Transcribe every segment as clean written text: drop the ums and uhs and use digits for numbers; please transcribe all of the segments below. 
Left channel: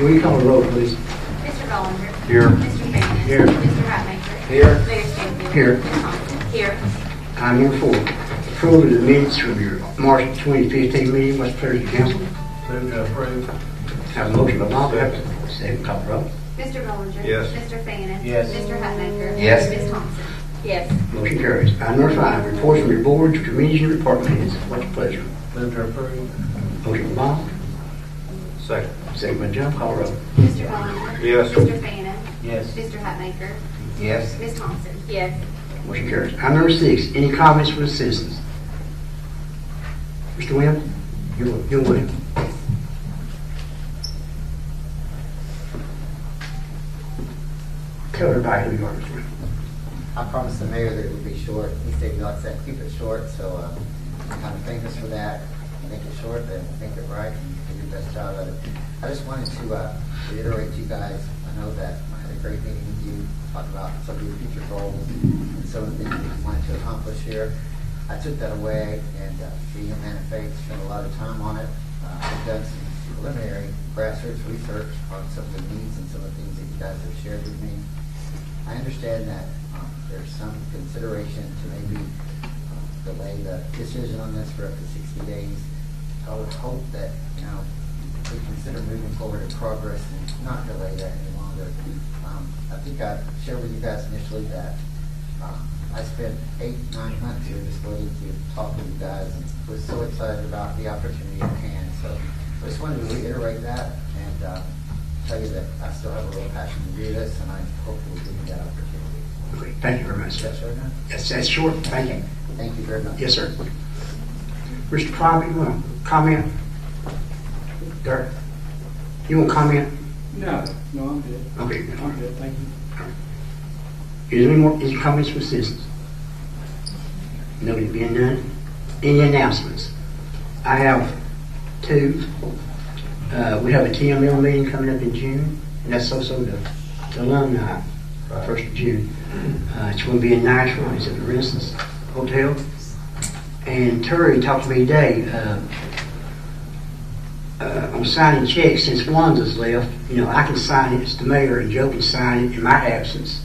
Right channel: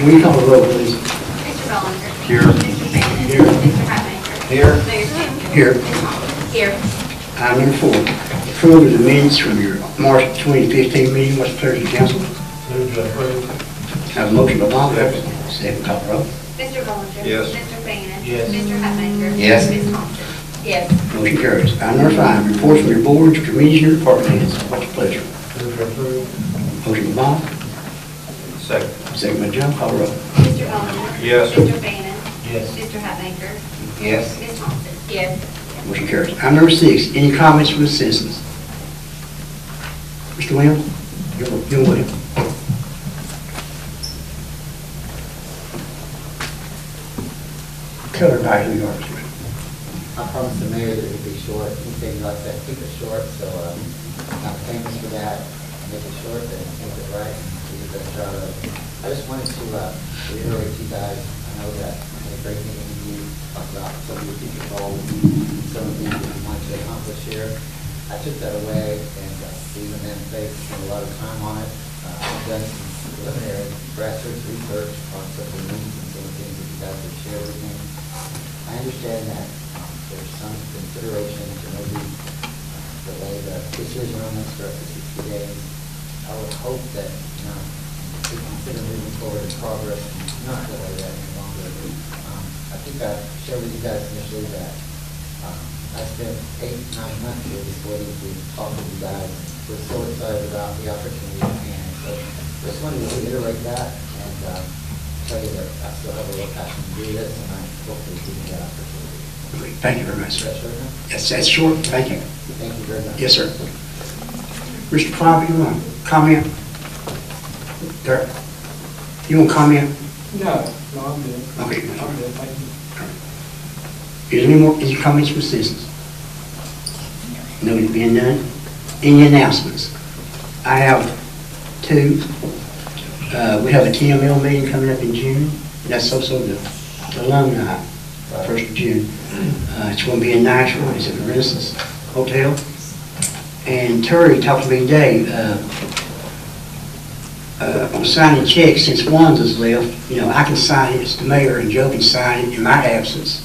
Will you call the roll, please? Mr. Bollinger. Here. Mr. Shannon. Here. Mr. Hatmaker. Here. Mayor Stinson. Here. Ms. Thompson. Here. Item number 4, approval of the minutes from your March 2015 meeting. What's the pleasure of the council? Move to approve. Have a motion by Bob. Second. Second, call the roll. Mr. Bollinger. Yes. Mr. Shannon. Yes. Mr. Hatmaker. Yes. Ms. Thompson. Yes. Motion carries. Item number 5, reports from your boards, committees, and department heads. What's your pleasure? Move to approve. Motion by Bob. Second. Second by Joe. Call the roll. Mr. Bollinger. Yes. Mr. Shannon. Yes. Mr. Hatmaker. Yes. Ms. Thompson. Yes. Motion carries. Item number 6, any comments from the citizens? Mr. Williams? You're Williams. Tell everybody who you are, Mr. Williams. I promised the mayor that it would be short. He said he likes that, keep it short, so I'm kind of famous for that. Make it short and make it right and do your best job of it. I just wanted to reiterate to you guys, I know that I had a great meeting with you, talk about some of your future goals, some of the things that you wanted to accomplish here. I took that away and being a man of faith, spent a lot of time on it. I've done some preliminary grassroots research on some of the needs and some of the things that you guys have shared with me. I understand that there's some consideration to maybe delay the decision on this for up to 60 days. I would hope that, we consider moving forward in progress and not delay that any longer. I think I shared with you guys initially that I spent 8-9 months here just waiting to talk with you guys, and was so excited about the opportunity at hand. So just wanted to reiterate that and tell you that I still have a real passion to do this, and I hopefully give you that opportunity. Thank you very much, Is sir. that short enough? That's short. Thank you. Thank you very much. Yes, sir. Mr. Pryor, you want to comment? Dirk, you want to comment? No, I'm good. Okay. I'm good, thank you. Is there any comments from citizens? No, it being none. Any announcements? I have 2. We have a TML meeting coming up in June. That's also the alumni, 1st of June. It's going to be in Nashville. It's at the Renaissance Hotel. And Terry talked to me today on signing checks. Since Wanda's left, I can sign it as the mayor, and Joe can sign it in my absence.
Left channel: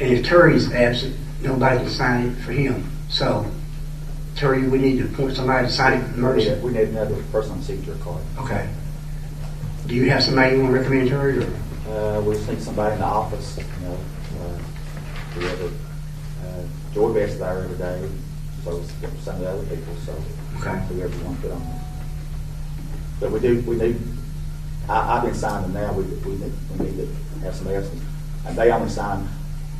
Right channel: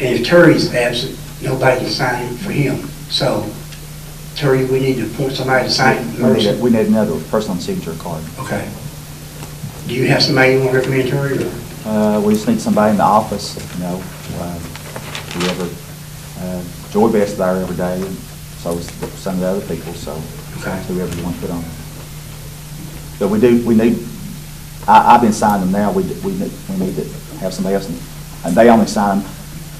And if Terry's absent, nobody can sign it for him. So, Terry, we need to appoint somebody to sign it. We need another person on the signature card. Okay. Do you have somebody you want to recommend, Terry? Or? We just need somebody in the office, whoever. Joy Best's there every day, and so is some of the other people, so Okay. whoever you want to put on. But we need, I've been signing them now, we need to have somebody else, and they only sign them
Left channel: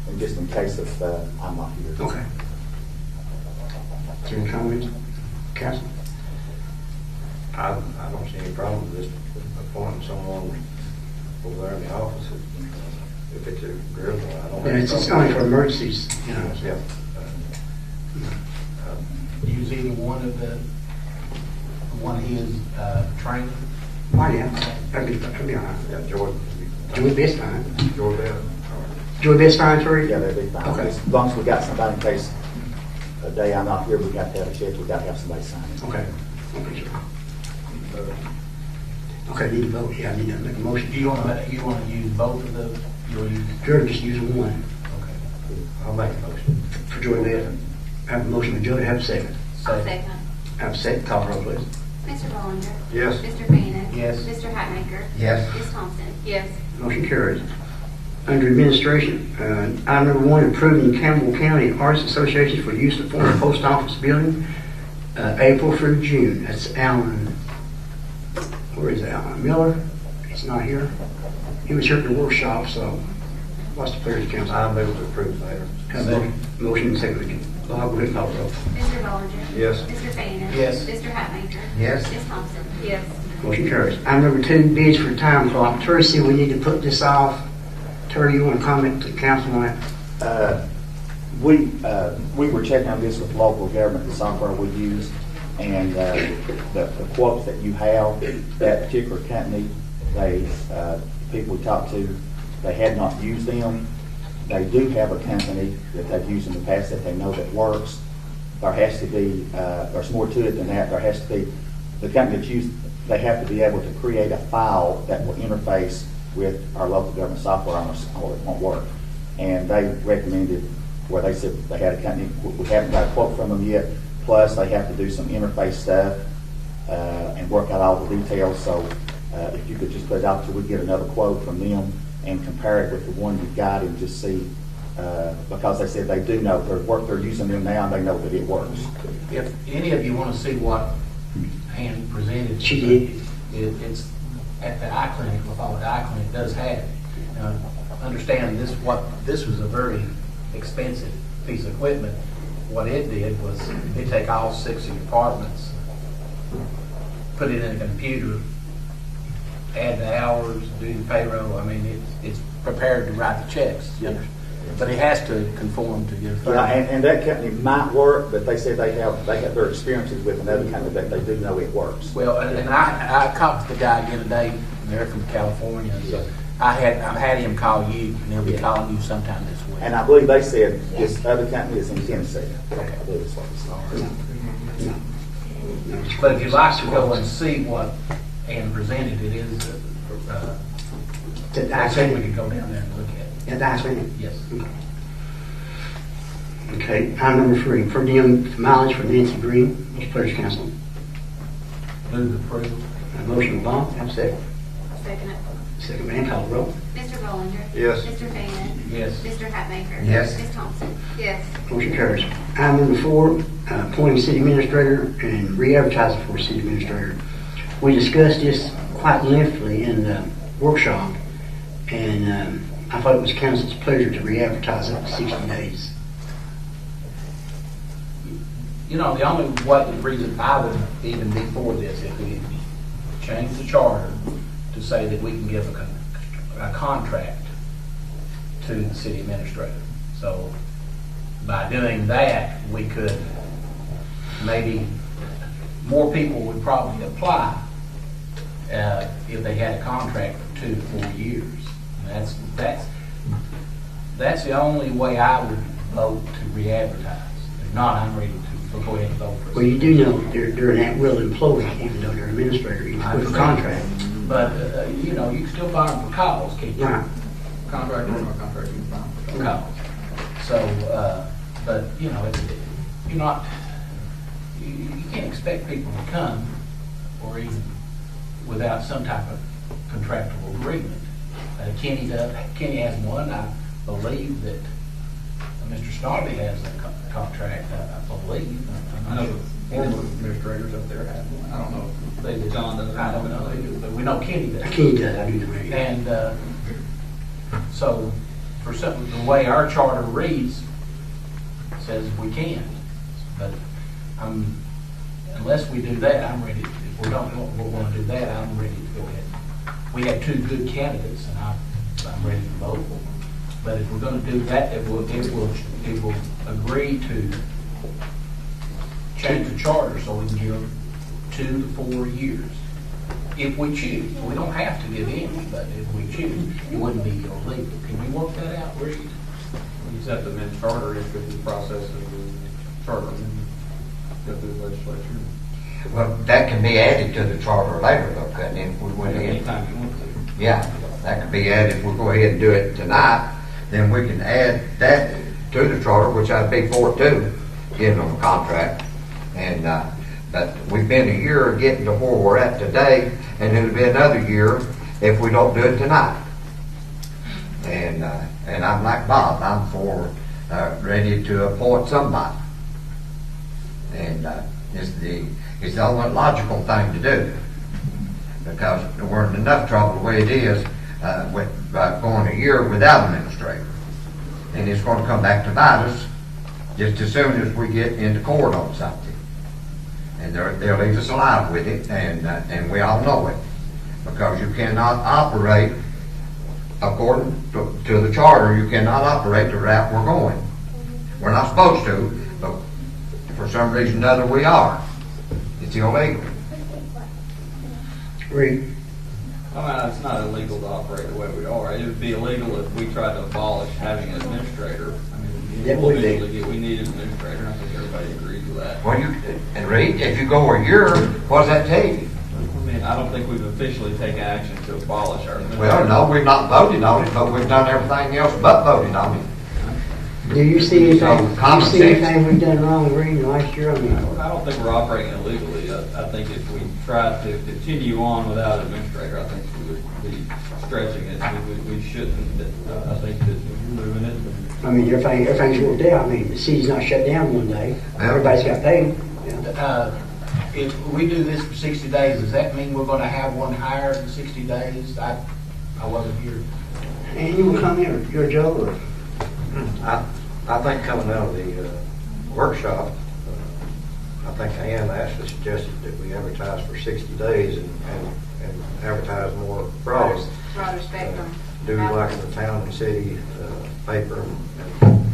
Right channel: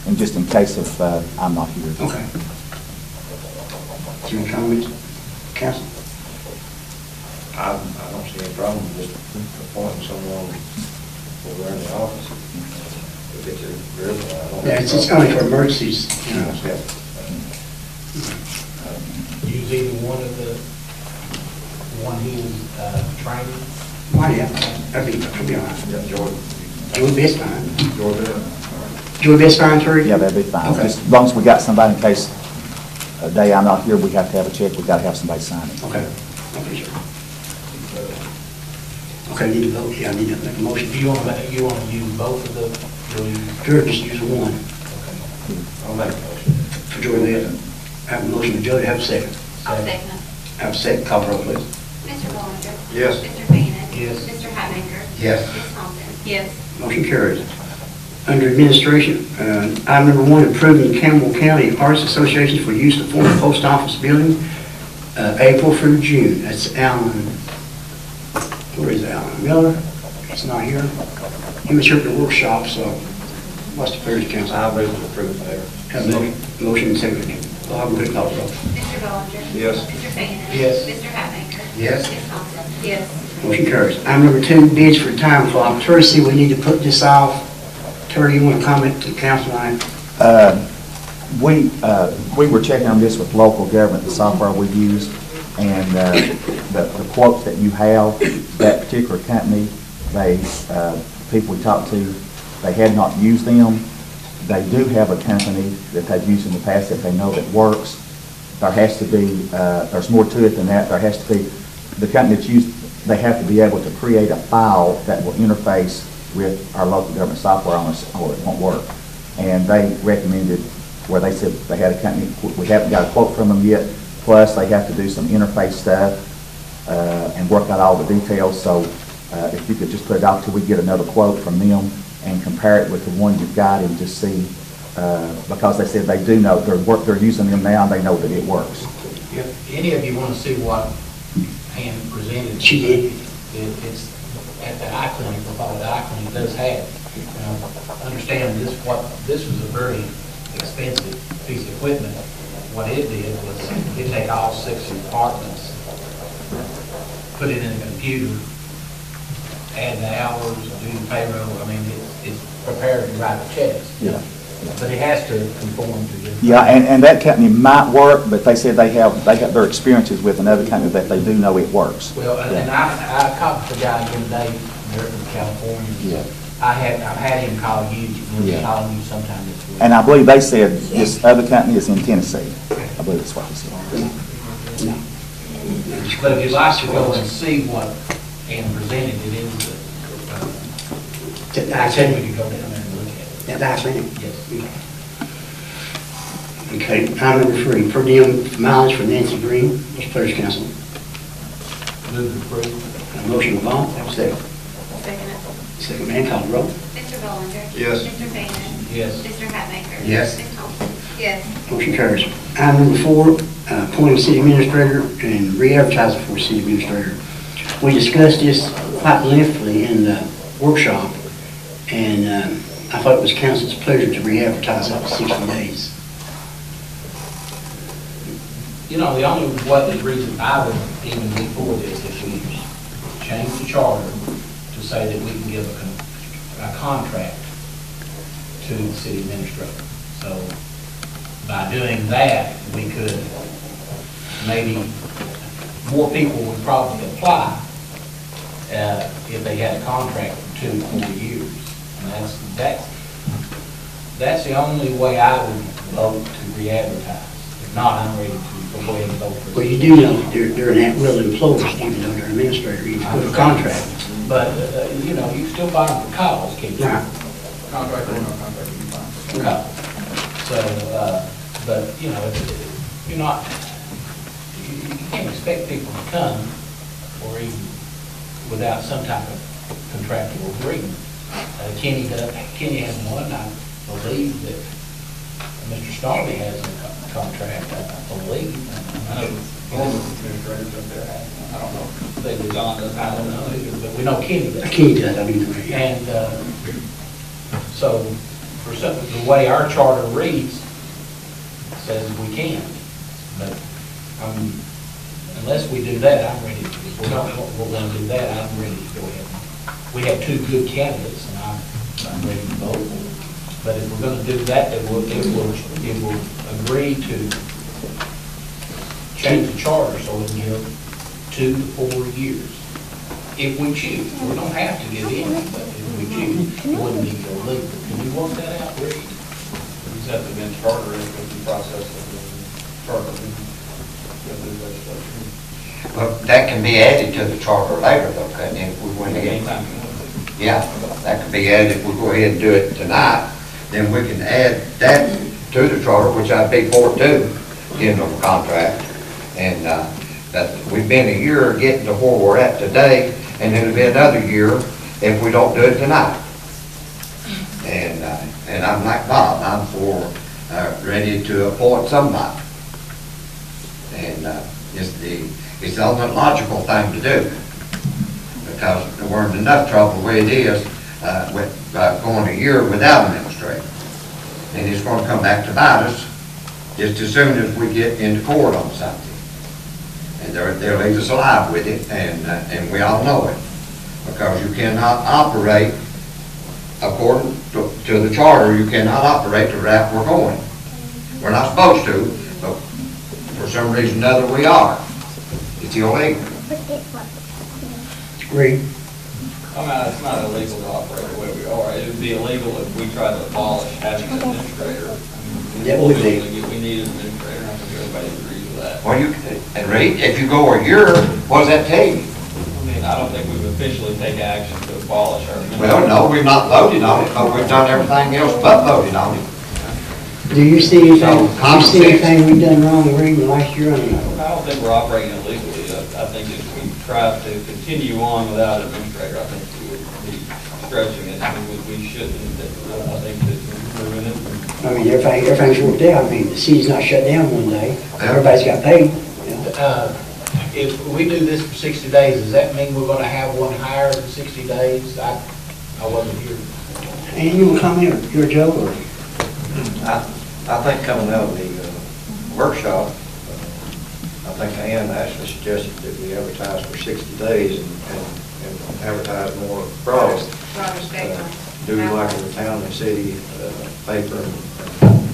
and just in case if I'm not here. Okay. Do you want to comment, council? I don't see any problem with just appointing someone over there in the office. If it's agreeable, I don't have Yeah, a it's problem. only for emergencies, Yeah. Use either one he is training. Why, yeah, that'd be all right. Yeah, Joy. Joy Best's fine. Joy Bell. Joy Best's fine, Terry? Yeah, that'd be fine. Okay. Just as long as we got somebody in case a day I'm not here, we have to have a check, we got to have somebody sign it. Okay. Okay, sir. Okay, need to vote. Yeah, I need to make a motion. You want to use both of the? Sure, just use one. Okay. I'll make a motion. For Joy Best. I have a motion to Joy, have a second. I'll second it. Have a second, call the roll, please. Mr. Bollinger. Yes. Mr. Shannon. Yes. Mr. Hatmaker. Yes. Ms. Thompson. Yes. Motion carries. Under administration, item number 1, approving Campbell County Artists Association for use of former post office building, April through June. That's Alan. Where is Alan? Miller? He's not here. He was here at the workshop, so what's the pleasure, council? I move to approve, Mayor. Have a motion and second. Bob, go ahead and call the roll. Mr. Bollinger. Yes. Mr. Shannon. Yes. Mr. Hatmaker. Yes. Ms. Thompson. Yes. Motion carries. Item number 2, bids for time clock. Terry, see, we need to put this off. Terry, you want to comment to council on it? We were checking on this with local government, the software we use, and the quotes that you have, that particular company, people we talked to, they had not used them. They do have a company that they've used in the past that they know that works. There has to be, there's more to it than that. There has to be, the company that's used they have to be able to create a file that will interface with our local government software on us, or it won't work. And they recommended, where they said they had a company, we haven't got a quote from them yet, plus they have to do some interface stuff and work out all the details. So if you could just put it out till we get another quote from them and compare it with the one you've got and just see, because they said they do know, they're using them now and they know that it works. If any of you want to see what Ann presented. She did. It's at the eye clinic, we'll call it eye clinic, does have. Understand this, this was a very expensive piece of equipment. What it did was it take all 6 departments, put it in a computer, add the hours, do the payroll. I mean, it's prepared to write the checks. Yeah. But it has to conform to your. Yeah, and that company might work, but they said they got their experiences with another company that they do know it works. Well, and I called the guy again today, they're from California, so Yeah. I've had him call you, and he'll be Yeah. calling you sometime this week. And I believe they said this other company is in Tennessee. I believe that's what they said. No. But if you'd like to go and see what Ann presented, it is, I said we could go down there and look at it. Yeah, that's me. Yes. Okay, item number 3, per diem mileage for Nancy Green. Mr. Pleasure, council. Move to approve. A motion by Vaughn, have a second. Second it. Second man, call the roll. Mr. Bollinger? Yes. Mr. Fainan? Yes. Mr. Hatmaker? Yes. Ms. Thompson? Yes. Motion carries. Item number 4, appointing city administrator and re-advertising for city administrator. We discussed this quite lengthily in the workshop, and I thought it was council's pleasure to re-advertise up to 60 days. You know, the only reason I would even be for this is we change the charter to say that we can give a contract to the city administrator. So by doing that, we could, maybe more people would probably apply if they had a contract for 2 to 4 years. And that's the only way I would vote to re-advertise. If not, I'm ready to go ahead and vote for it. Well, you do know that they're an at-will employee, even though they're an administrator, you put a contract. But, you know, you can still fire them for cause, can't you? Right. Contract or no contract, you can fire them for cause. So, but, you know, you're not, you can't expect people to come or even without some type of contractual agreement. Kenny has one, I believe that Mr. Snarley has a contract, I believe. I know all the administrators up there have one. I don't know if they do. John does. I don't know either, but we know Kenny does. Kenny does, I do know that. And so, for something, the way our charter reads, says we can. But unless we do that, I'm ready. If we're going to do that, I'm ready to go ahead. We have 2 good candidates, and I'm ready to vote. But if we're going to do that, it will agree to change the charter so we can give 2 to 4 years. If we choose. We don't have to give any, but if we choose, it wouldn't be illegal. Can you work that out, Reed? Is that the mid charter is with the process of the charter with the legislature? Well, that can be added to the charter later, though, couldn't it, if we went ahead? Anytime you want to. Yeah, that could be added, if we go ahead and do it tonight, then we can add that to the charter, which I'd be for too, in the contract. And, but we've been a year getting to where we're at today, and it'll be another year if we don't do it tonight. And I'm like Bob, I'm for, ready to appoint somebody. And, it's the only logical thing to do, because we're in enough trouble the way it is with going a year without an administrator. And it's going to come back to bite us just as soon as we get into court on something. And they'll leave us alive with it, and we all know it. Because you cannot operate, according to the charter, you cannot operate the route we're going. We're not supposed to, but for some reason or other we are. It's illegal. Reed? It's not illegal to operate the way we are. It would be illegal if we tried to abolish having an administrator. That would be. We need an administrator. I think everybody agrees with that. Well, and Reed, if you go a year, what does that tell you? I mean, I don't think we've officially taken action to abolish our administrator. Well, no, we've not voted on it, but we've done everything else but voted on it. Do you see anything, So, do you common see sense. anything we've done wrong, Greg, in the last year? I mean, I don't think we're operating illegally. I think if we tried to continue on without an administrator, I think we would be stretching it. We shouldn't. I think that moving it. I mean, everything's worked out. I mean, the city's not shut down one day. Everybody's got paid. you know. If we do this for 60 days, does that mean we're gonna have one hired in 60 days? I wasn't here. And you will come here, you're a joker. I think coming out of the workshop, I think Ann actually suggested that we advertise for 60 days and advertise more broad. Broader spectrum. Do like in the town and city paper and,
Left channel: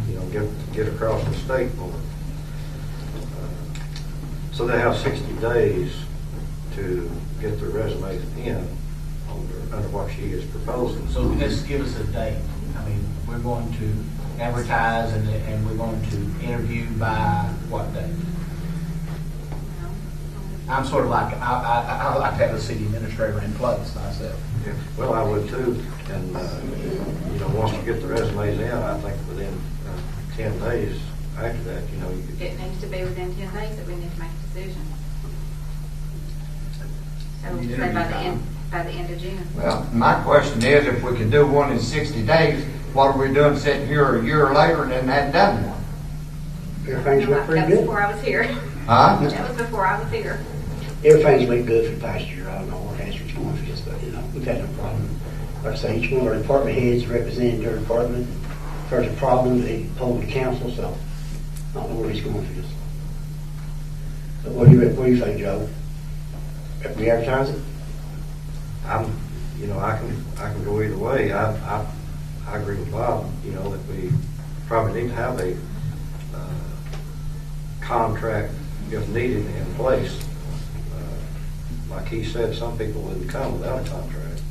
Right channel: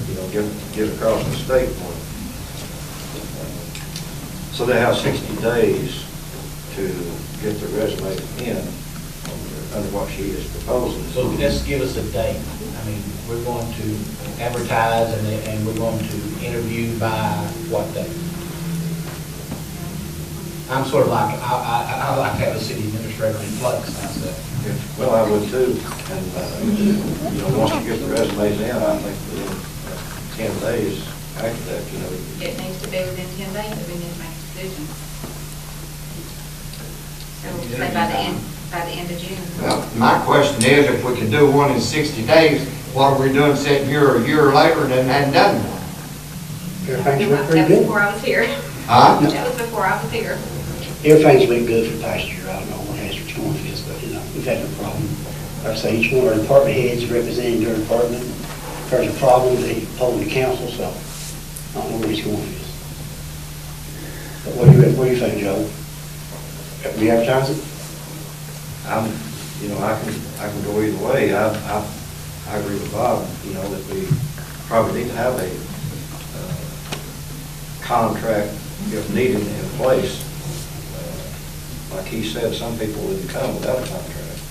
you know, get across the state more. So they have 60 days to get their resume in under what she is proposing. So let's give us a date. I mean, we're going to advertise and we're going to interview by what date? I'm sort of like, I like to have a city administrator in place myself. Well, I would too, and, you know, once you get the resumes in, I think within 10 days after that, you know. It needs to be within 10 days that we need to make a decision. So say by the end of June. Well, my question is, if we could do one in 60 days, what are we doing sitting here a year later and then hadn't done one? Everything's worked That pretty was good. before I was here. Huh? That was before I was here. Everything's been good for the past year. I don't know what has which one it is, but, you know, we've had no problem. Like I say, each one of our department heads representing their department. If there's a problem, they poll the council, so I don't know where he's going with this. But what do you think, Joe? We advertise it? You know, I can go either way. I agree with Bob, you know, that we probably need to have a contract, if needed, in place. Like he said, some people wouldn't come without a contract.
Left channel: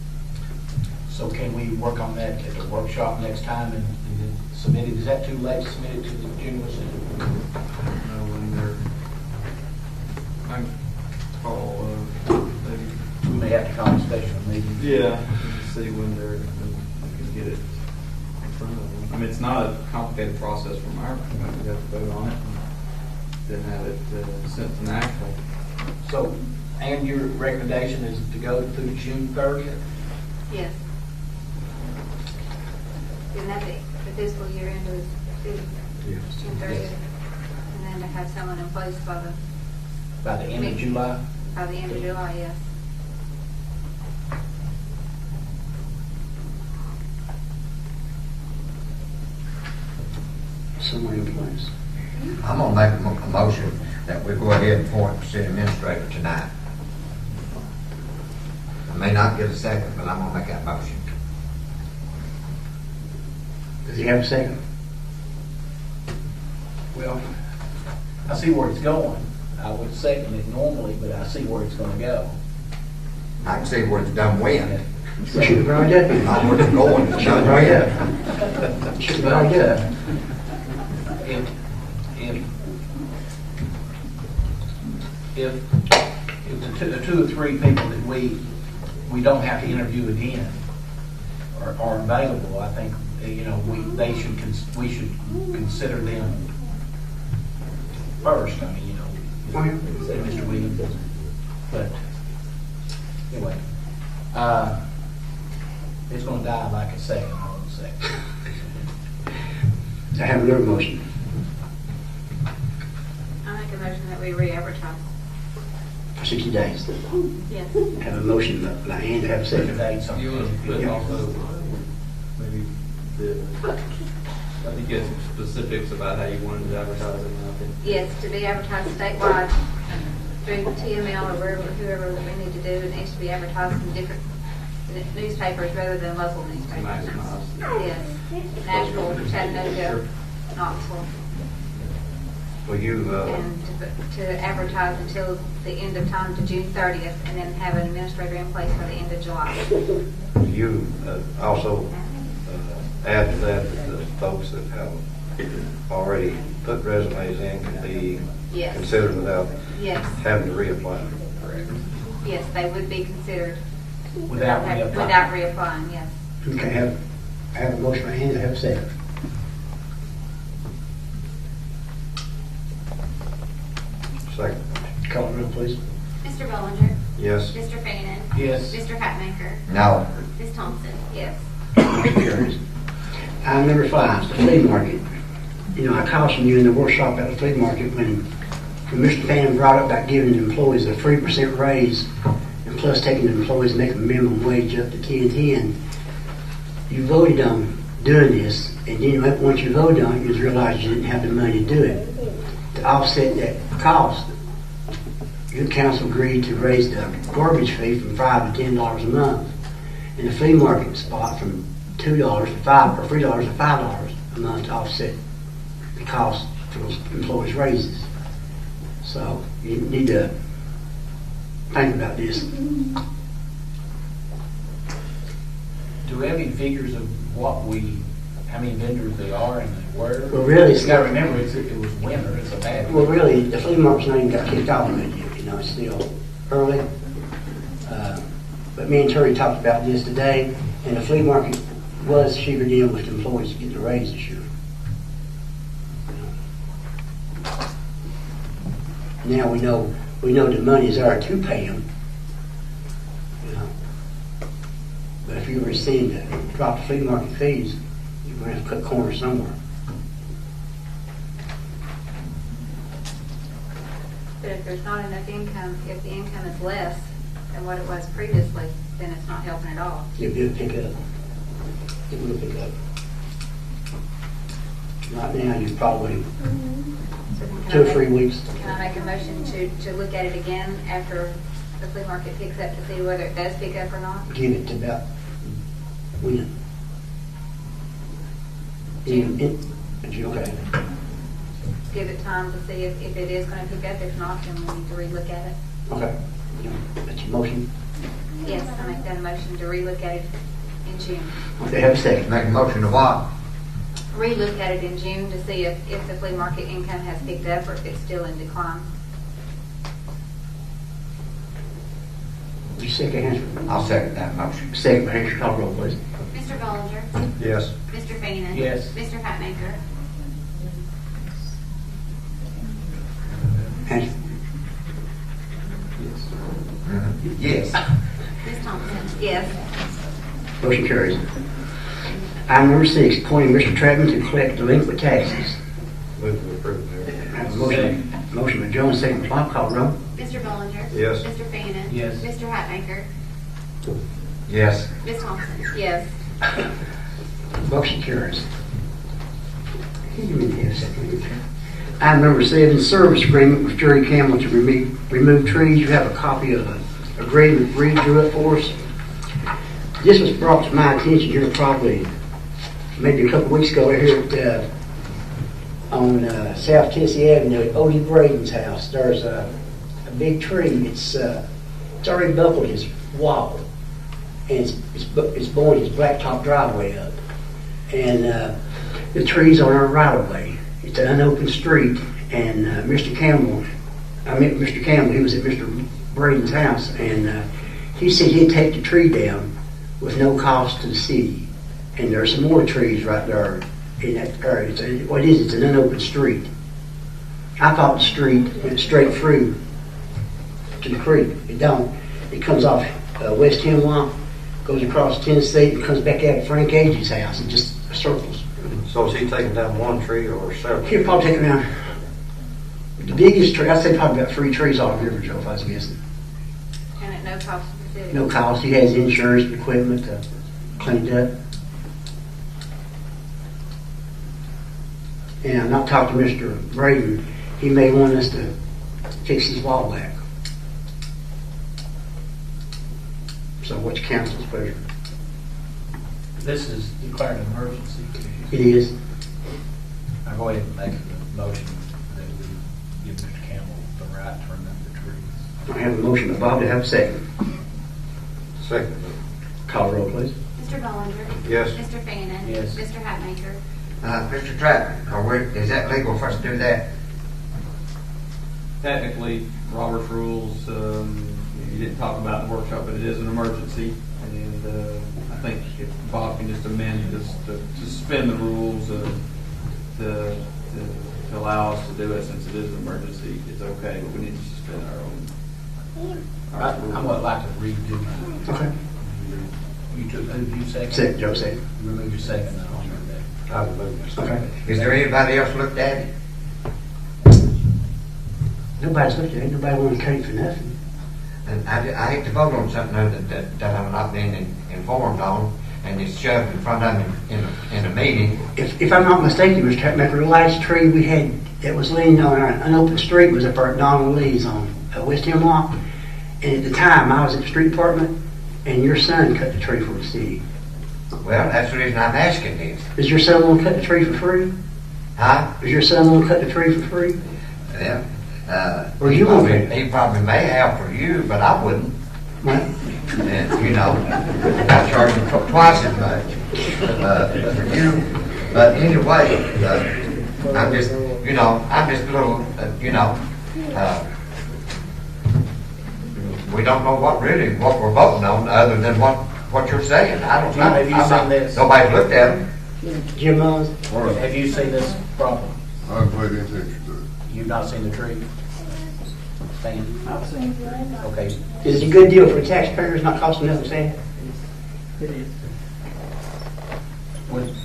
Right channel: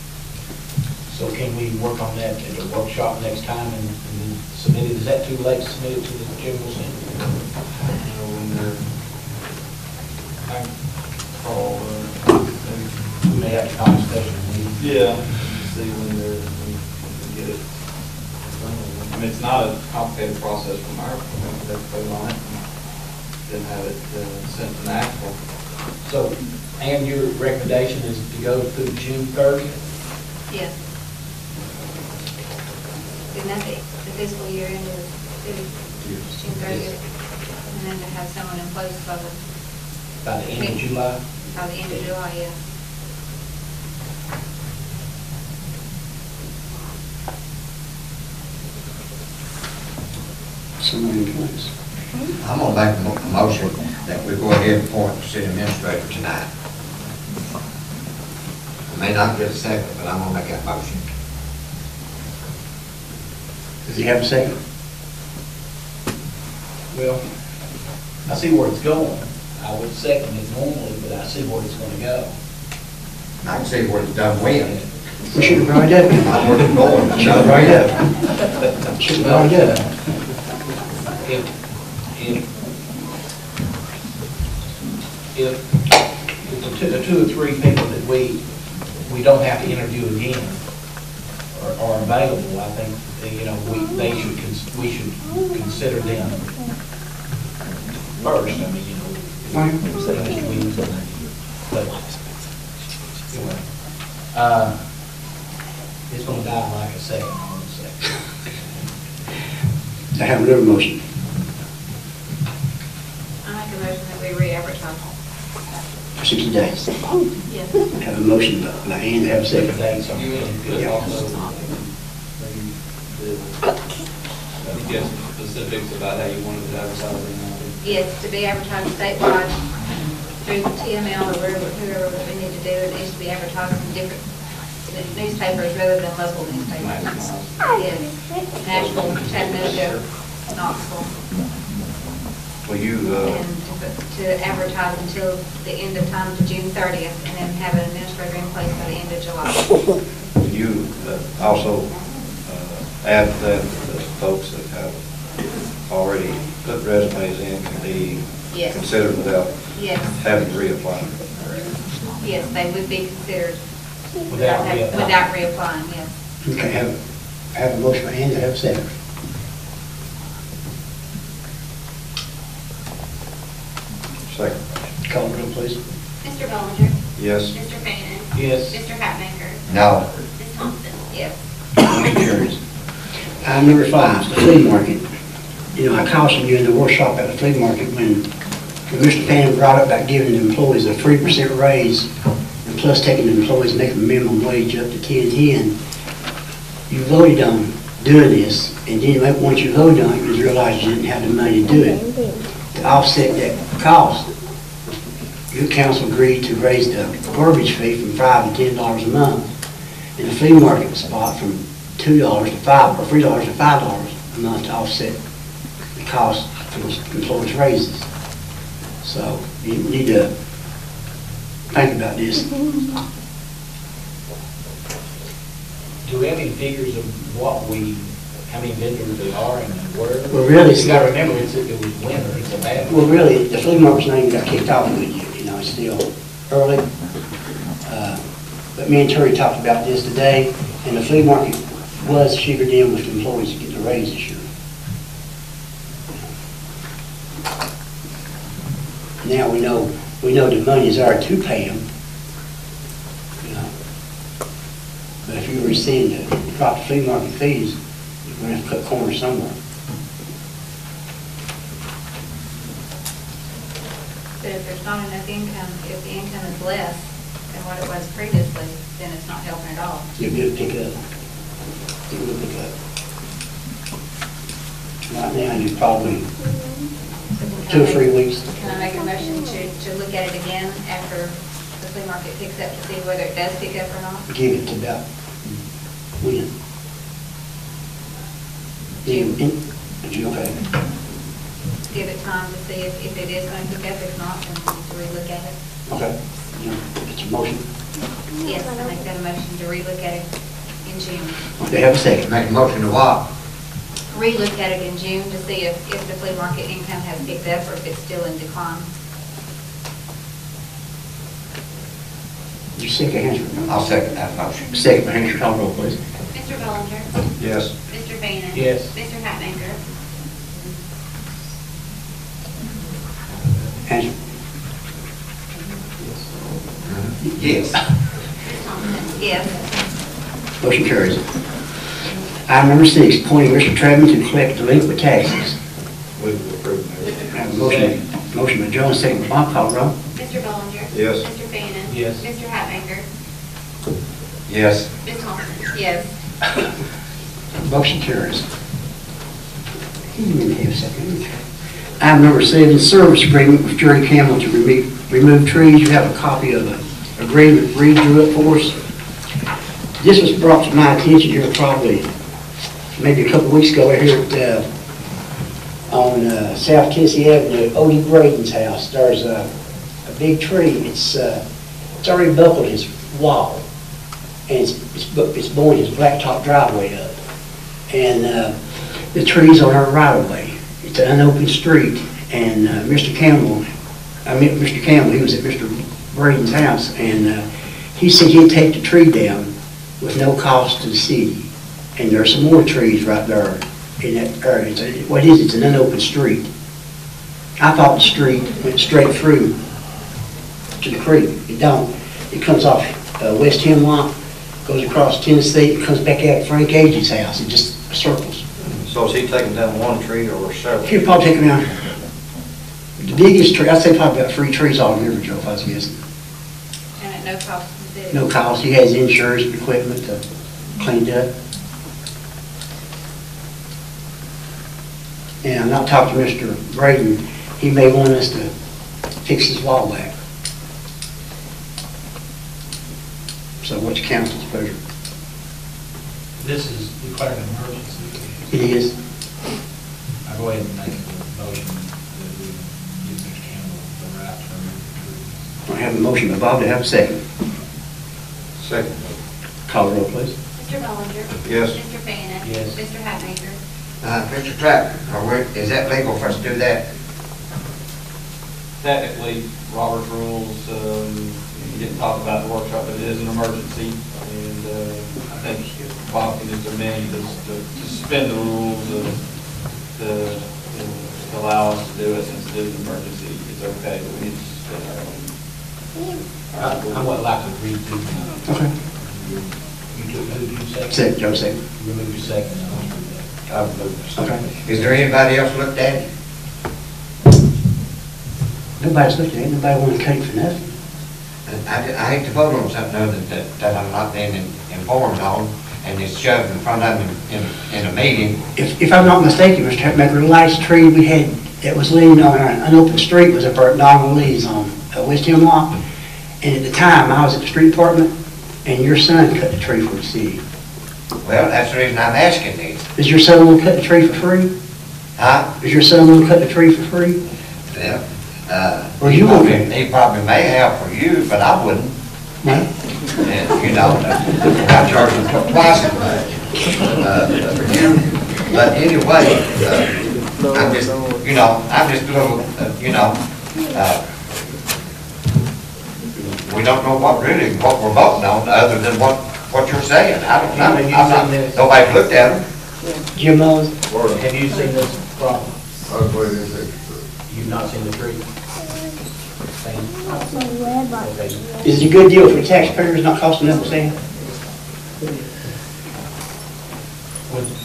So can we work on that at a workshop next time and then submit it? Is that too late to submit it to the general assembly? We may have to call a special meeting. Yeah. See when they're, when we get it. I mean, it's not a complicated process from our point of view. We have to vote on it and then have it sent to national. So, and your recommendation is to go through June 30th? Yes. Isn't that the fiscal year end of the city? June 30th. And then to have someone in place By the end of July? by the end of July, yes. Someone in place. I'm gonna make a motion that we go ahead and appoint the city administrator tonight. I may not get a second, but I'm gonna make that motion. Does he have a second? Well, I see where it's going. I would second it normally, but I see where it's gonna go. I can see where it's done when. We should have brought it Not up. where it's going, it's done Right when. up. Should have brought it up. If the two or three people that we don't have to interview again are available, I think, you know, we should consider them first. I mean, you know, Mr. Williams, but anyway, it's gonna die like a second, I would say. I have another motion. I make a motion that we re-advertise. For 60 days. Yes. Have a motion by Ann to have a second. Days are You would put Yeah. also, maybe, get specifics about how you wanted to advertise it. Yes, to be advertised statewide through TML or whoever that we need to do. It needs to be advertised in different newspapers rather than local newspapers. Yes, Nashville, Chattanooga, Knoxville. Will you, And to advertise until the end of time to June 30th, and then have an administrator in place by the end of July. will you also add to that the folks that have already put resumes in can be Yes. considered without Yes. having to reapply? Yes, they would be considered. Without reapplying. Without reapplying, yes. Okay, have a motion by Angela, have a second. Second. Call the roll, please. Mr. Bellinger? Yes. Mr. Fanning? Yes. Mr. Hatmaker? No. Ms. Thompson? Yes. Motion carries. Item number 5 is the flea market. You know, I cautioned you in the workshop at the flea market when Mr. Pan brought up about giving the employees a 3% raise and plus taking the employees making minimum wage up to 10.10. You voted on doing this, and then once you voted on it, you realized you didn't have the money to do it. To offset that cost, your council agreed to raise the garbage fee from $5 to $10 a month, and the flea market spot from $2 to $5 or $3 to $5 a month to offset the cost for those employees' raises. So you need to think about this. Do we have any figures of how many vendors there are and where? Well, really, it's You gotta not- remember, it was winter, it's a bad. Well, really, the flea market's not even got kicked off good yet, you know, it's still early. But me and Terry talked about this today, and the flea market was sugared in with the employees to get the raise this year. Now we know the money is there to pay them, you know. But if you rescind it, drop the flea market fees, you're going to have to cut corners somewhere. But if there's not enough income, if the income is less than what it was previously, then it's not helping at all. It'll pick up. It will pick up. Right now, you probably So then 2 or 3 weeks. Can I make a motion to look at it again after the flea market picks up to see whether it does pick up or not? Give it to about when? June. Okay. Give it time to see if it is going to pick up, if not, then we need to relook at it. Okay. You know, that's your motion. Yes, I make that a motion to relook at it in June. They have a second. Make a motion to what? Relook at it in June to see if the flea market income has picked up or if it's still in decline. Did you second Hansford? I'll second that motion. Second by Hansford, call the roll, please. Mr. Bellinger? Yes. Mr. Fanning? Yes. Mr. Hatmaker? Hansford? Yes. Ms. Thompson? Yes. Motion carries. Item number 6, appointing Mr. Trevin to collect delinquent taxes. Move to approve, Mayor. I have a motion by Jones, second by Bob, call the roll. Mr. Bellinger? Yes. Mr. Fanning? Yes. Mr. Hatmaker? Yes. Ms. Thompson? Yes. Motion carries. Item number 7, service agreement with Jerry Campbell to remove trees. You have a copy of the agreement Reed drew up for us. This was brought to my attention here probably maybe a couple of weeks ago here at, on South Tennessee Avenue at Odie Braden's house. There's a big tree. It's already buckled his wall, and it's blowing his blacktop driveway up. And the tree's on our right of way. It's an unopened street, and Mr. Campbell, he was at Mr. Braden's house, and he said he'd take the tree down with no cost to the city. And there's some more trees right there in that area. It's an unopened street. I thought the street went straight through to the creek. It don't. It comes off West Hemlock, goes across Tennessee, and comes back out at Frank Agee's house. It just circles. So is he taking down one tree or several? He'll probably take down the biggest tree. I'd say probably about 3 trees all over, Joe, if I was guessing. And at no cost to the city. No cost. He has insurance and equipment to clean it up. And I'm not talking to Mr. Braden. He may want us to fix his wall back. So what's council's pleasure? This is declared an emergency. It is. I'll go ahead and make a motion that we give Mr. Campbell the right to remove the trees. I have a motion by Bob to have a second. Second. Call the roll, please. Mr. Bellinger? Yes. Mr. Fanning? Yes. Mr. Hatmaker? Mr. Trapman, is that legal for us to do that? Technically, Robert's rules, you didn't talk about the workshop, but it is an emergency. And I think if Bob could just amend this to suspend the rules to allow us to do it since it is an emergency, it's okay, but we need to suspend our own. I would like to redo. Okay. You took, moved, you second? Second, Joe, second. Remove your second. I've moved. Okay. Is there anybody else looked at it? Nobody's looking at it, nobody wanted to cut it for nothing. And I hate to vote on something other that I'm not being informed on, and it's shoved in front of me in a meeting. If I'm not mistaken, Mr. Hatmaker, the last tree we had that was leaning on an unopened street was up at Don Lee's on West Hemlock. And at the time, I was at the street department, and your son cut the tree for the city. Well, that's the reason I'm asking this. Is your son going to cut the tree for free? Huh? Is your son going to cut the tree for free? Yeah. Or you want me? He probably may have for you, but I wouldn't. Well, And, you know, I charge him twice as much for you. But anyway, I'm just, you know, I'm just a little, we don't know what we're voting on other than what you're saying. I don't know. Have you I'm not, seen this? nobody's looked at them. Jim Mullins? Have you seen this problem? I've waited six. You've not seen the tree? Seen? Okay. Is it a good deal for the taxpayers, not costing nothing, Sam?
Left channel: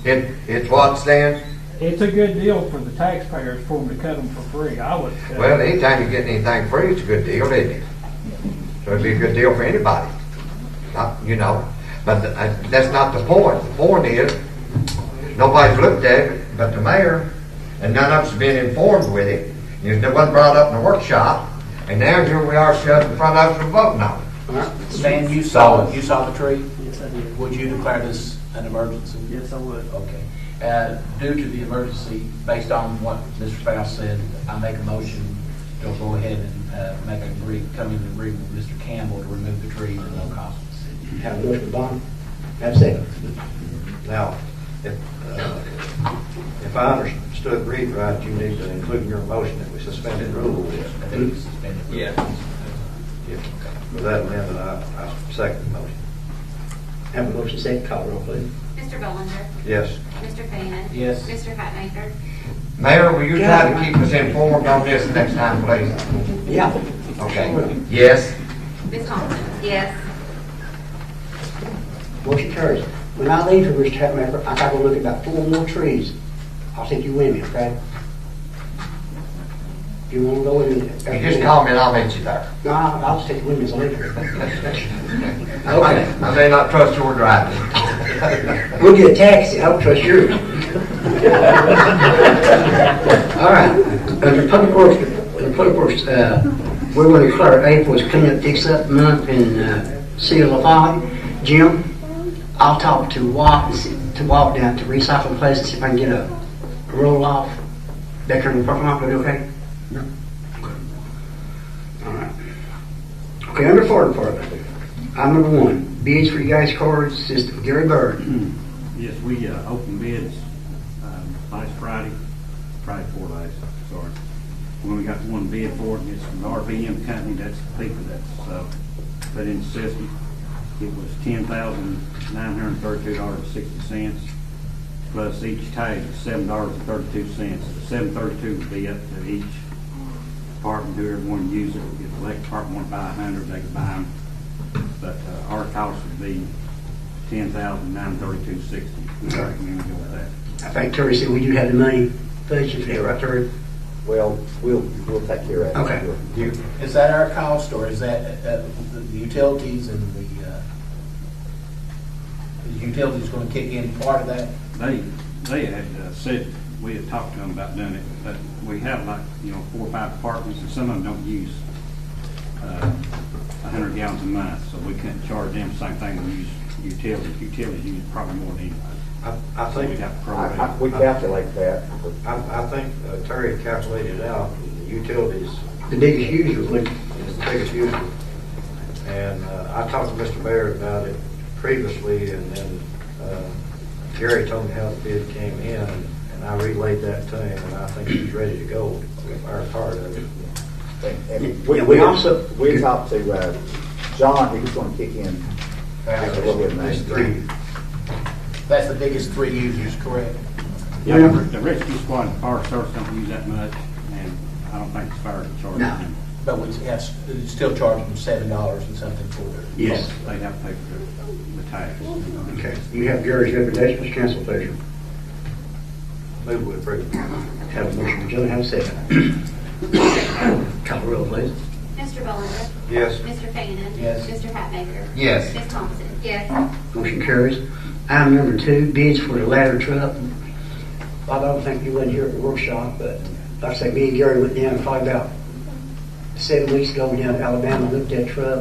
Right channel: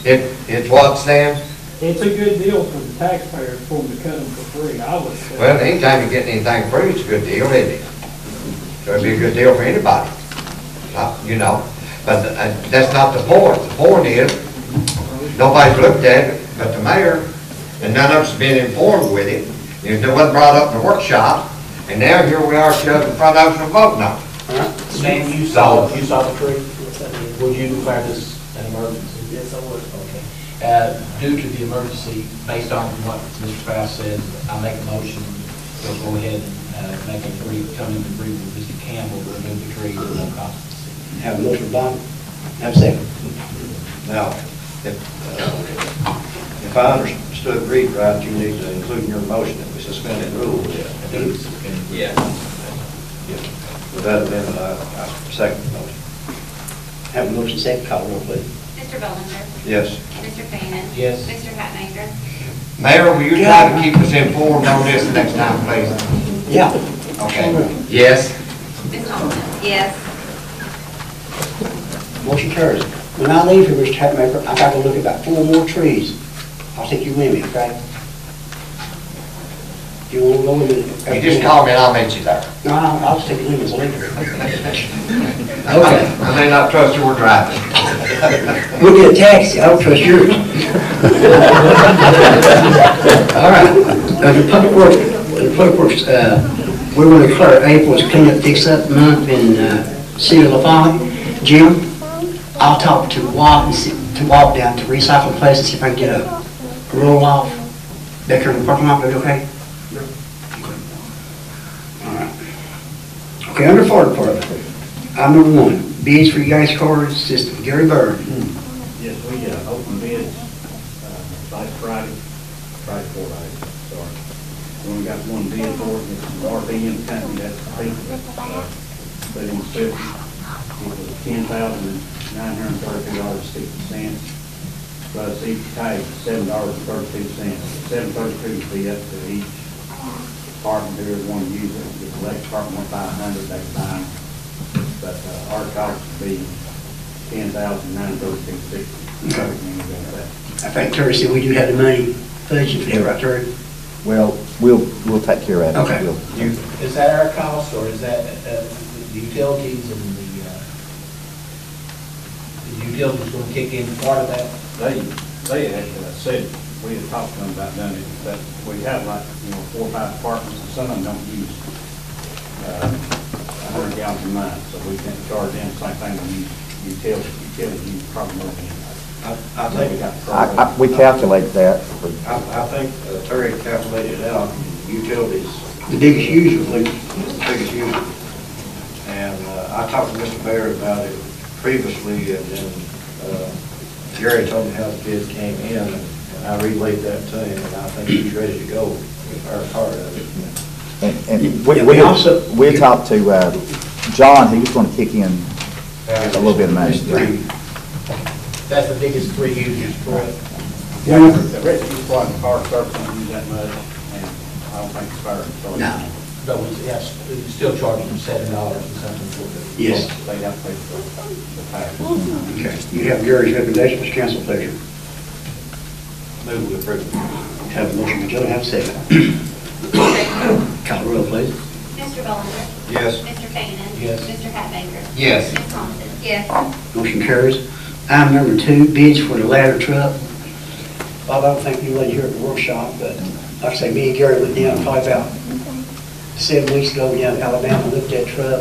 It's what, Stan? It's a good deal for the taxpayers for them to cut them for free, I would say. Well, anytime you get anything free, it's a good deal, isn't it? So it'd be a good deal for anybody. You know, but that's not the point. The point is, nobody's looked at it but the mayor, and none of us have been informed with it. It wasn't brought up in the workshop, and now here we are shoved in front of us for voting on it. Stan, you saw the tree? Would you declare this an emergency? Yes, I would. Okay. Due to the emergency, based on what Mr. Faust said, I make a motion to go ahead and come into agreement with Mr. Campbell to remove the tree at no cost to the city. Have a motion, Bob. Have a second. Now, if I understood Reed right, you need to include in your motion that we suspend the rules. Yeah. With that amendment, I second the motion. Have a motion, second. Call the roll, please. Mr. Bollinger? Yes. Mr. Cannon? Yes. Mr. Hatmaker? Mayor, will you try to keep us informed on this the next time, please? Yeah. Okay. Yes. Ms. Thompson? Yes. Motion carries. When I leave here, Mr. Hatmaker, I gotta look at about 4 more trees. I'll take you with me, okay? You wanna go with me? You just call me and I'll meet you there. No, I'll just take you with me as a leader. Okay. I may not trust your driving. We'll get a taxi. I don't trust yours. All right. Under Public Works, we're going to declare April as Clean Up Fix Up month in City of Lafayette. Jim, I'll talk to Watt down to recycle place and see if I can get a roll off back here in the parking lot. Will it be okay? All right. Okay, under fire department, item number 1, bids for you guys' card system. Gary Bird. Yes, we opened bids last Friday, 4 days, sorry. We only got one bid for it. It's the RVM company, that's the people that put in the system. It was $10,932.60, plus each tag $7.32. $7.32 would be up to each department, whoever want to use it. If the electric department want to buy 100, they can buy them. But our cost would be $10,932.60. I think Terry said we do have the money budgeted for that, right, Terry? Well, we'll take care of it. Okay. Is that our cost, or is that the utilities and the utilities going to kick in part of that? They had said, we had talked to them about doing it, but we have 4 or 5 departments, and some of them don't use 100 gallons a month, so we can't charge them the same thing we use utilities. Utilities use probably more than I think We calculate that. I think Terry calculated it out. Utilities, The biggest user, please. the biggest user. And I talked to Mr. Mayor about it previously, and then Gary told me how the bid came in, and I relayed that to him, and I think he's ready to go with our part of it. And we also we talked to John, he was gonna kick in a little bit of money. It's three. That's the biggest three users, correct? Yeah, the rest of you squad and car starts don't do that much, and I don't think it's fair to charge No. them. But we still charge them $7 and something for the. Yes. They have to pay for the tax. Okay. You have Gary's recommendation, Mr. Council, pleasure. Move with approve. Have a motion by Joe, have a second. Call the roll, please. Mr. Bollinger. Yes. Mr. Fanning. Yes. Mr. Hatmaker. Yes. Ms. Thompson. Yes. Motion carries. Item number 2, bids for the ladder truck. Bob, I don't think you were here at the workshop, but like I say, me and Gary went down probably about 7 weeks ago down to Alabama, looked at that truck.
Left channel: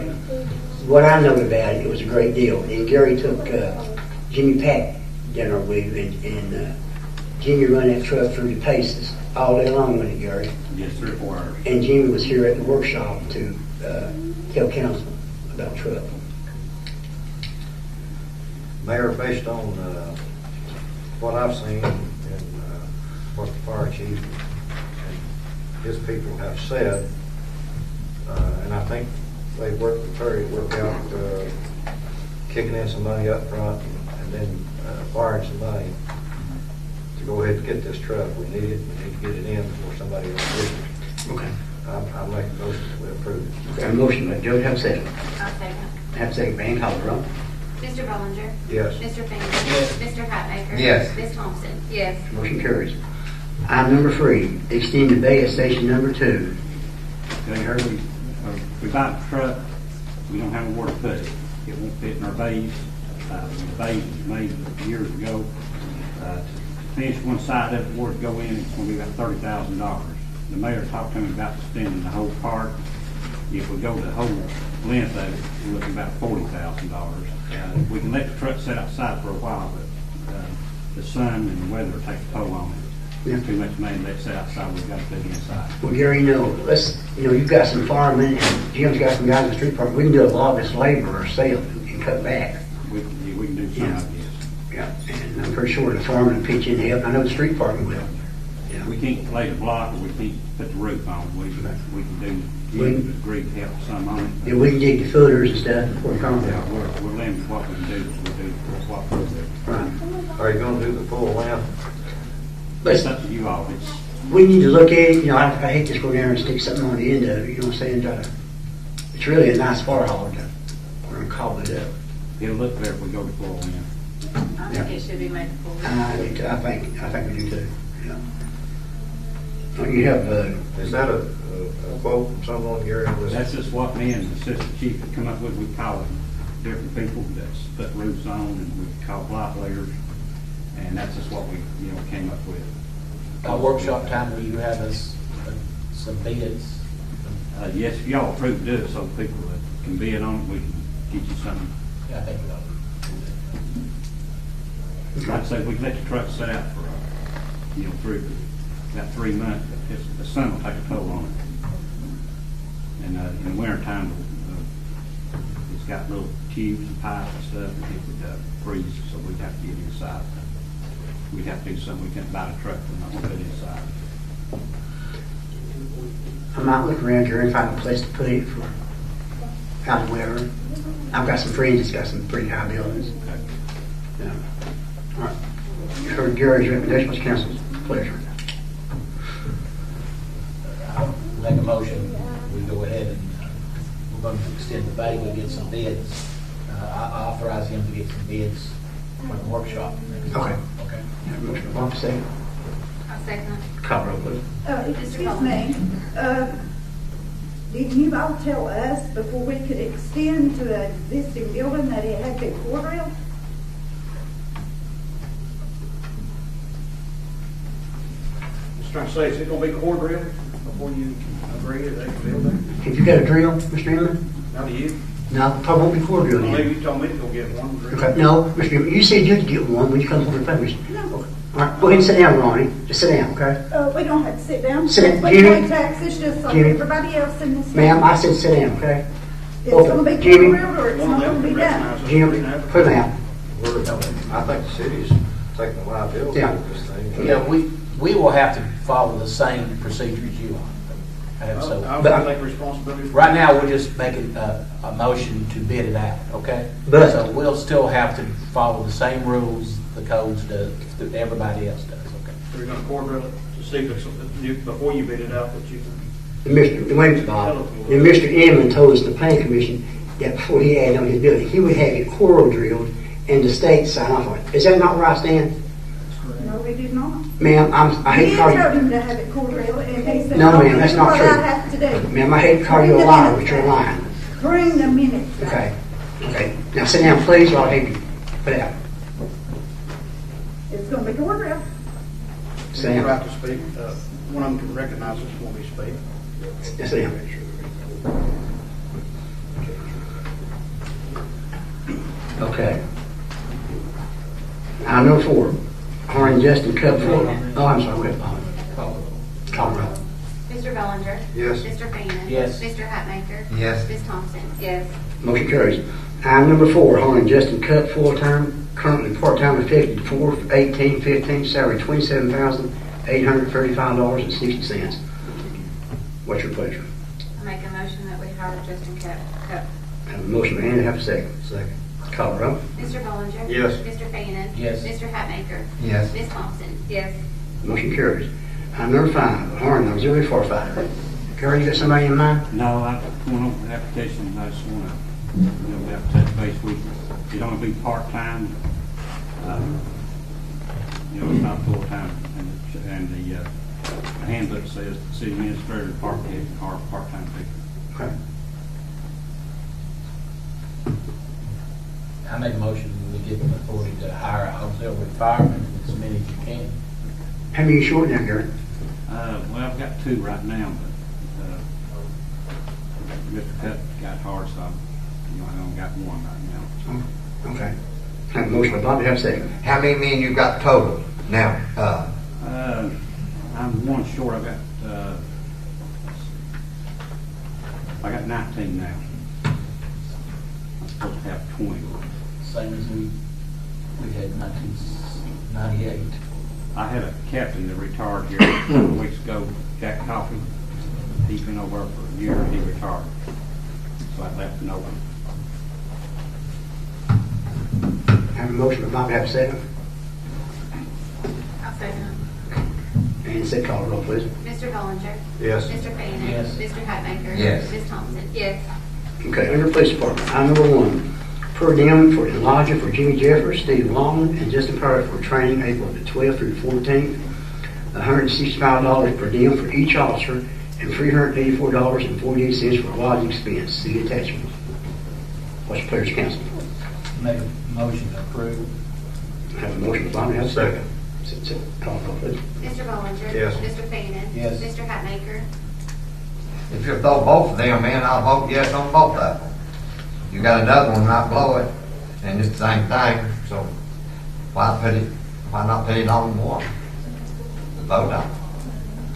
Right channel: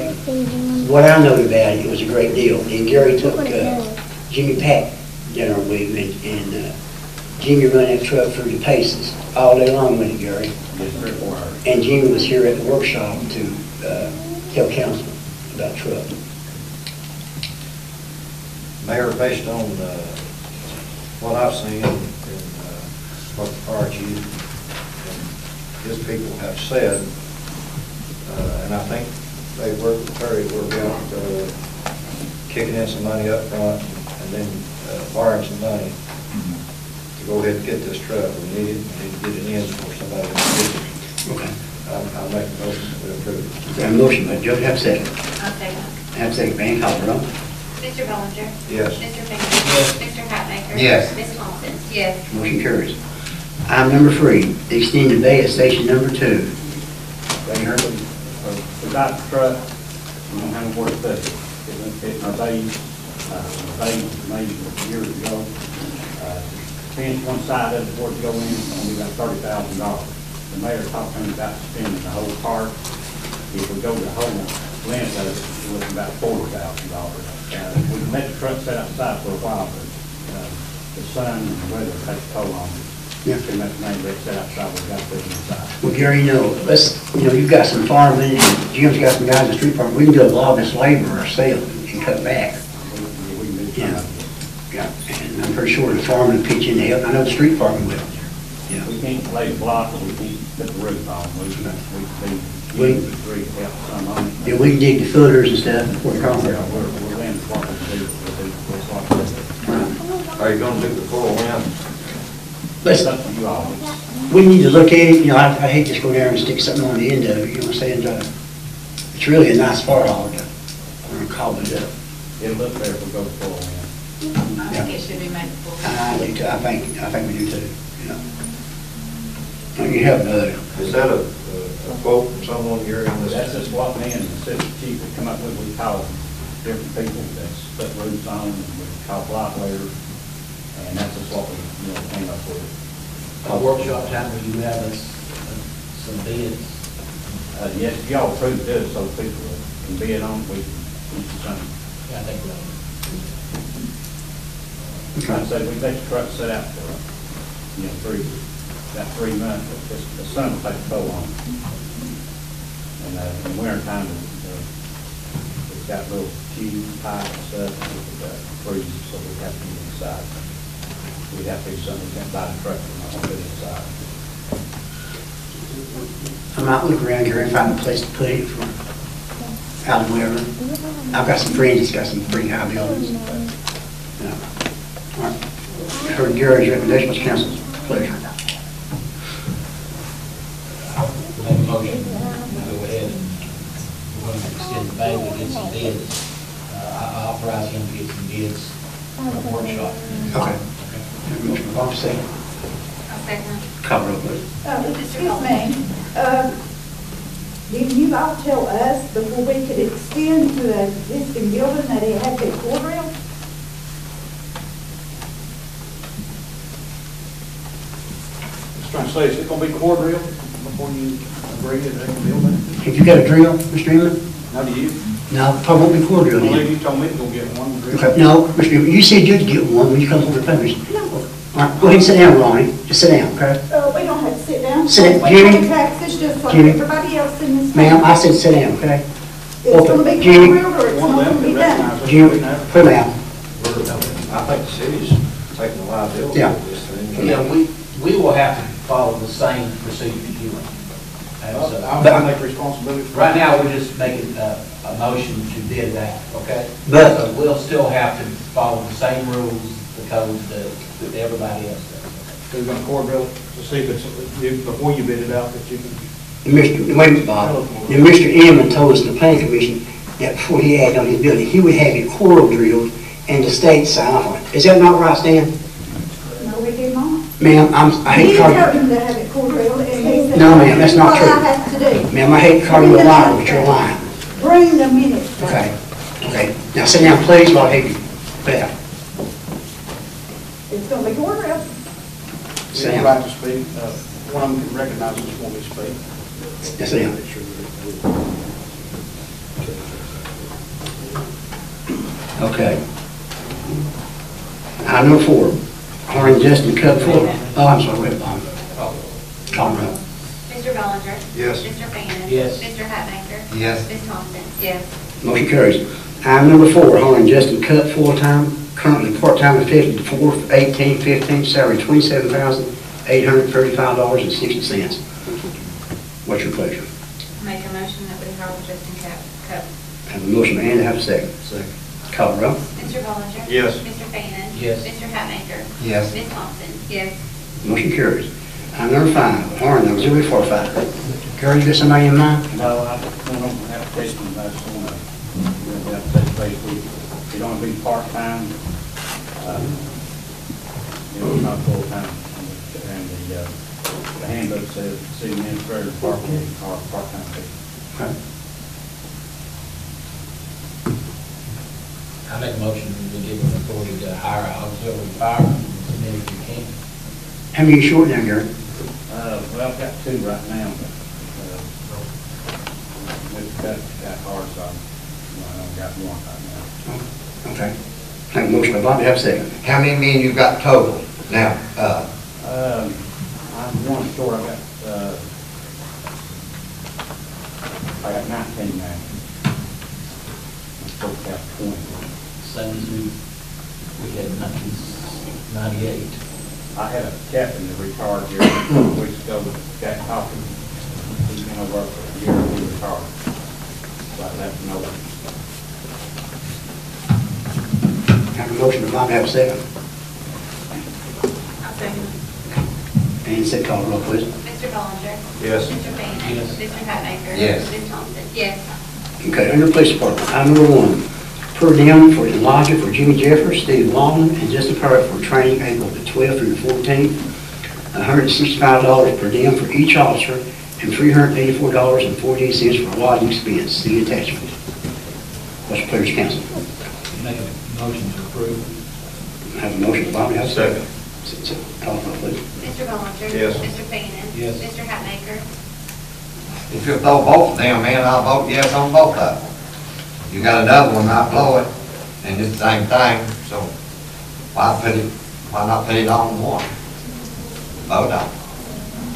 What I know about it, it was a great deal. And Gary took Jimmy Pack down our way, and Jimmy run that truck through the paces all day long with it, Gary. It's 3 or 4 hours. And Jimmy was here at the workshop to tell council about the truck. Mayor, based on what I've seen and what the fire chief and his people have said, and I think they worked with Terry to work out kicking in some money up front and then borrowing some money to go ahead and get this truck. We need it, we need to get it in before somebody else gets it. Okay. I'll make a motion to approve. Got a motion by Joe, have a second. I'll second. Have a second, Van, call the roll. Mr. Bollinger. Yes. Mr. Fanning. Mr. Hatmaker. Yes. Ms. Thompson. Yes. Motion carries. Item number 3, extend the bay at station number 2. Okay, here we got the truck, we don't have a work day. It went fit our bay, made years ago. Finish one side of it, for it to go in, it's gonna be about $30,000. The mayor talked to me about spending the whole part. If we go the whole length of it, it's worth about $40,000. We can let the truck sit outside for a while, but the sun and the weather takes a toll on it. Yeah. Too much money they sit outside, we've got to be inside. Well, Gary, you've got some firemen and Jim's got some guys in the street department. We can do a lot of this labor ourselves and cut back. We can do Yeah. something. Yeah, and I'm pretty sure the firemen will pitch in to help. I know the street department will. Yeah. We can't lay the block, or we can't put the roof on, we can We- do, the street help some on it. Yeah, we can dig the footers and stuff before it comes Yeah, out. we're letting what we do, we'll what we do. Are you gonna do the full length? It's Let's, up to you all, it's, we need to look at it, I hate to just go down and stick something on the end of it, you know what I'm saying? It's really a nice fire hall to, we're gonna call it up. it'll look better if we go to full in. I think it should be made full. I do too, I think we do too, yeah. You have, Is that a quote from someone here in this? That's just what me and the assistant chief have come up with, we call different people that's put roofs on, and we call block layers, and that's just what we came up with. Our workshop time, will you have us some bids? Yes, if y'all approve to do it, so people can bid on it, we can get you something. I think we'll. Like I said, we let the truck sit out for, through about 3 months, but the sun will take a toll on it. And in the winter time, it's got little cubes, pipe and stuff, and it could freeze, so we'd have to get inside. We'd have to do something, we can't buy the truck and all get inside. I might look around here and find a place to put it for out of wherever. I've got some friends that's got some pretty high buildings. Yeah. All right. Heard Gary's recommendation, what's council's pleasure? Make a motion, we'll go ahead and we're going to extend the bay, we'll get some bids. I authorize him to get some bids for the workshop. Okay. Have a motion, Bob, second. I'll second. Call roll, please. Excuse me, did you all tell us before we could extend to an existing building that it had to be core rail? Just trying to say, is it gonna be core drill before you agree that they can build that? Have you got a drill, Mr. Inman? How do you? No, probably won't be core drill I believe then. you told me to go get one drill. Okay, no, Mr. Inman, you said you'd get one when you come over to publish. All right, go ahead and sit down, Ronnie. Just sit down, okay? We don't have to sit down. Sit down. We Jimmy? pay taxes just like Jimmy? everybody else in this. Ma'am, town. I said sit down, okay? It's gonna be core Jimmy? rail or it's One not of them gonna be can done. recognize it. Jim, put it out. I think the city's taking the liability Yeah. of this thing. You know, we will have to follow the same procedures you want. And so, I'm gonna take responsibility for it. right now, we're just making, a motion to bid that, okay? But- So we'll still have to follow the same rules, the codes that everybody else does. So you're gonna core drill it to see if it's, before you bid it out, that you can. Wait, Bob, and Mr. Inman told us, the planning commission, that before he added on his building, he would have it coral drilled and the state sign off on it. Is that not right, Stan? No, we did not. Ma'am, I hate He to call told you, him to have it core drilled, and he said. No, ma'am, that's not "This is what true." I have to do. ma'am, I hate to call you a liar, but you're lying. Bring the minutes back. Okay, okay. Now sit down, please, or I'll have you put out. It's gonna be core drilled. Sit You're down. about to speak, one of them recognizes when we speak. Now sit down. Okay. Item number 4, Horn Justin Cup 4. Oh, I'm sorry, wait, Bob. Call the roll. Mr. Bellinger. Yes. Mr. Fanning. Yes. Mr. Hatmaker. Yes. Ms. Thompson. Yes. Motion carries. Item number 4, Horn Justin Cup, full-time, currently part-time, effective 4/18/15, salary $27,835.60. What's your pleasure? Make a motion that we hire Justin Cup. Have a motion by Andy, have a second. Second. Call the roll. Mr. Bellinger. Yes. Mr. Fanning. Yes. Mr. Hatmaker. Yes. Ms. Thompson. Yes. Motion carries. Item number 5, Horn Auxiliary Firefighter. Carol, you got somebody in mind? No, I don't know, application, but I just want to, touch base with, it only be part-time, it's not full-time, and the handbook says city administrator, part-time people. Okay. I make a motion that we give them authority to hire an auxiliary fireman, as many as you can. How many you short down, Gary? Well, I've got 2 right now, but, Mr. got ours, so I've got 1 right now. Okay. Have a motion by Bobby, have a second. How many men you got total now? I'm 1 short, I got 19 now. Supposed to have 21. Same as we had 1998. I had a captain that retired here a couple weeks ago, Captain Hopkins. He's been over for a year, he retired. So I left him over. Have a motion by Bobby, have a second. I'll second it. And second, call the roll, please. Mr. Bellinger. Yes. Mr. Fanning. Yes. Mr. Hatmaker. Yes. Ms. Thompson. Yes. Okay, under Police Department, item number 1, per diem for lodging for Jimmy Jeffers, Steve Lawton, and Justin Perry for training April the 12th through the 14th. $165 per diem for each officer, and $384.48 for lodging expense. See attachment. What's your pleasure, council? Make a motion to approve. Have a motion, Bobby, have a second. Second. Call the roll, please. Mr. Bellinger. Yes. Mr. Fanning. Yes. Mr. Hatmaker. If you throw both of them in, I'll vote yes on both of them. You got another one, not blow it, and it's the same thing, so why not put it on one? Vote on it.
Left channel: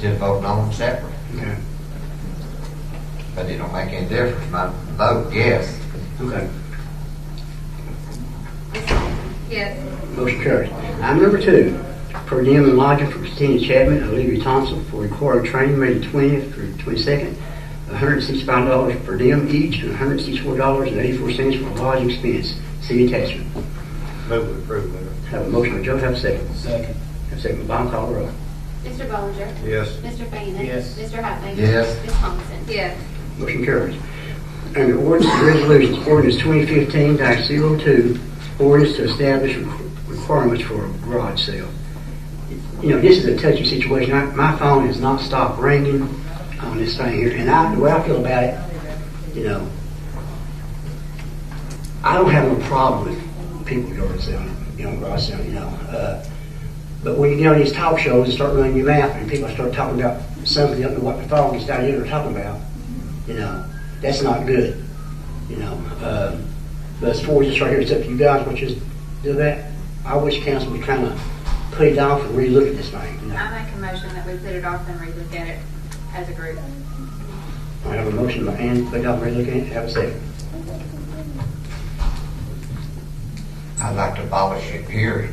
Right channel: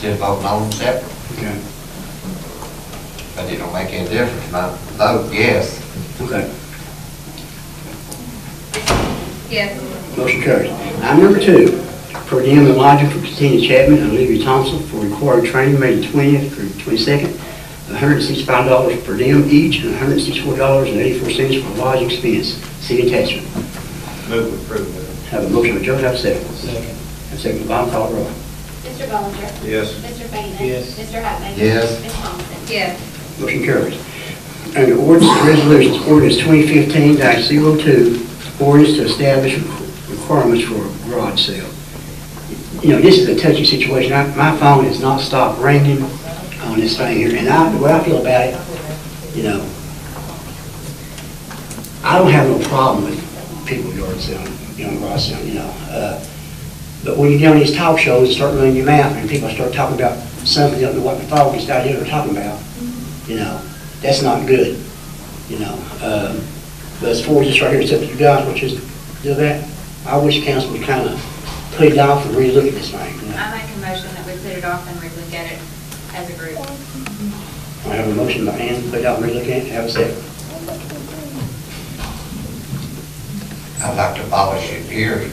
Just voting on them separate. Okay. But it don't make any difference, my vote yes. Okay. Yes. Motion carries. Item number 2, per diem and lodging for Christina Chapman and Olivia Thompson for required training May 20th through 22nd, $165 per diem each, and $164.84 for lodging expense. See attachment. Move to approve that. Have a motion by Joe, have a second. Second. Have a second by Bob, call the roll. Mr. Bellinger. Yes. Mr. Fanning. Yes. Mr. Hatmaker. Yes. Ms. Thompson. Yes. Motion carries. Under ordinance and resolutions, ordinance 2015-02, ordinance to establish requirements for a garage sale. You know, this is a touchy situation. My phone has not stopped ringing on this thing here, and the way I feel about it, you know, I don't have no problem with people yard selling, garage selling, but when you get on these talk shows and start running your mouth and people start talking about something you don't know what the foggiest idea they're talking about, that's not good, But as far as this right here, it's up to you guys, what you do that. I wish council would kind of put it off and relook at this thing. I make a motion that we put it off and relook at it as a group. I have a motion by Ann, put it off and relook at it, have a second. I'd like to abolish it, period.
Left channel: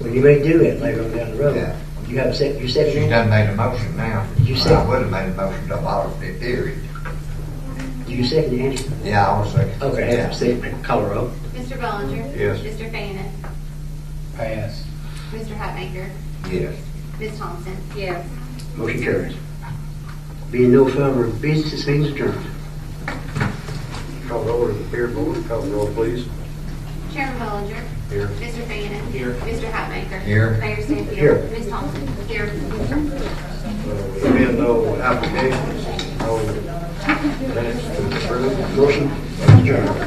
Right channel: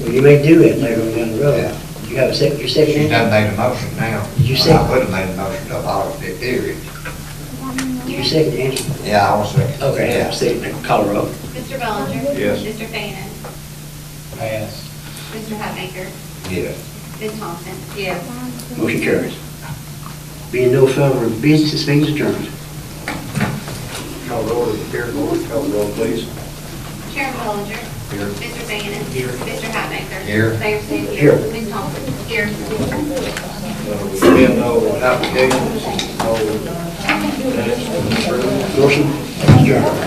Well, you may do it later on down the road. Yeah. You have a second, your second? She done made a motion now. You Well, said- I would have made a motion to abolish it, period. You You second the answer? Yeah, I want to say. Okay, Yeah. second, call a roll. Mr. Bellinger? Yes. Mr. Fanning? Pass. Mr. Hatmaker? Yes. Ms. Thompson? Yes. Motion carries. Being no further business, this meeting is adjourned. Call the order, here, board, call the roll, please. Chairman Bellinger? Here. Mr. Fanning? Here. Mr. Hatmaker? Here. Mayor State Here. Ms. Thompson? Here. There being no applications, no minutes, approved. Motion adjourned.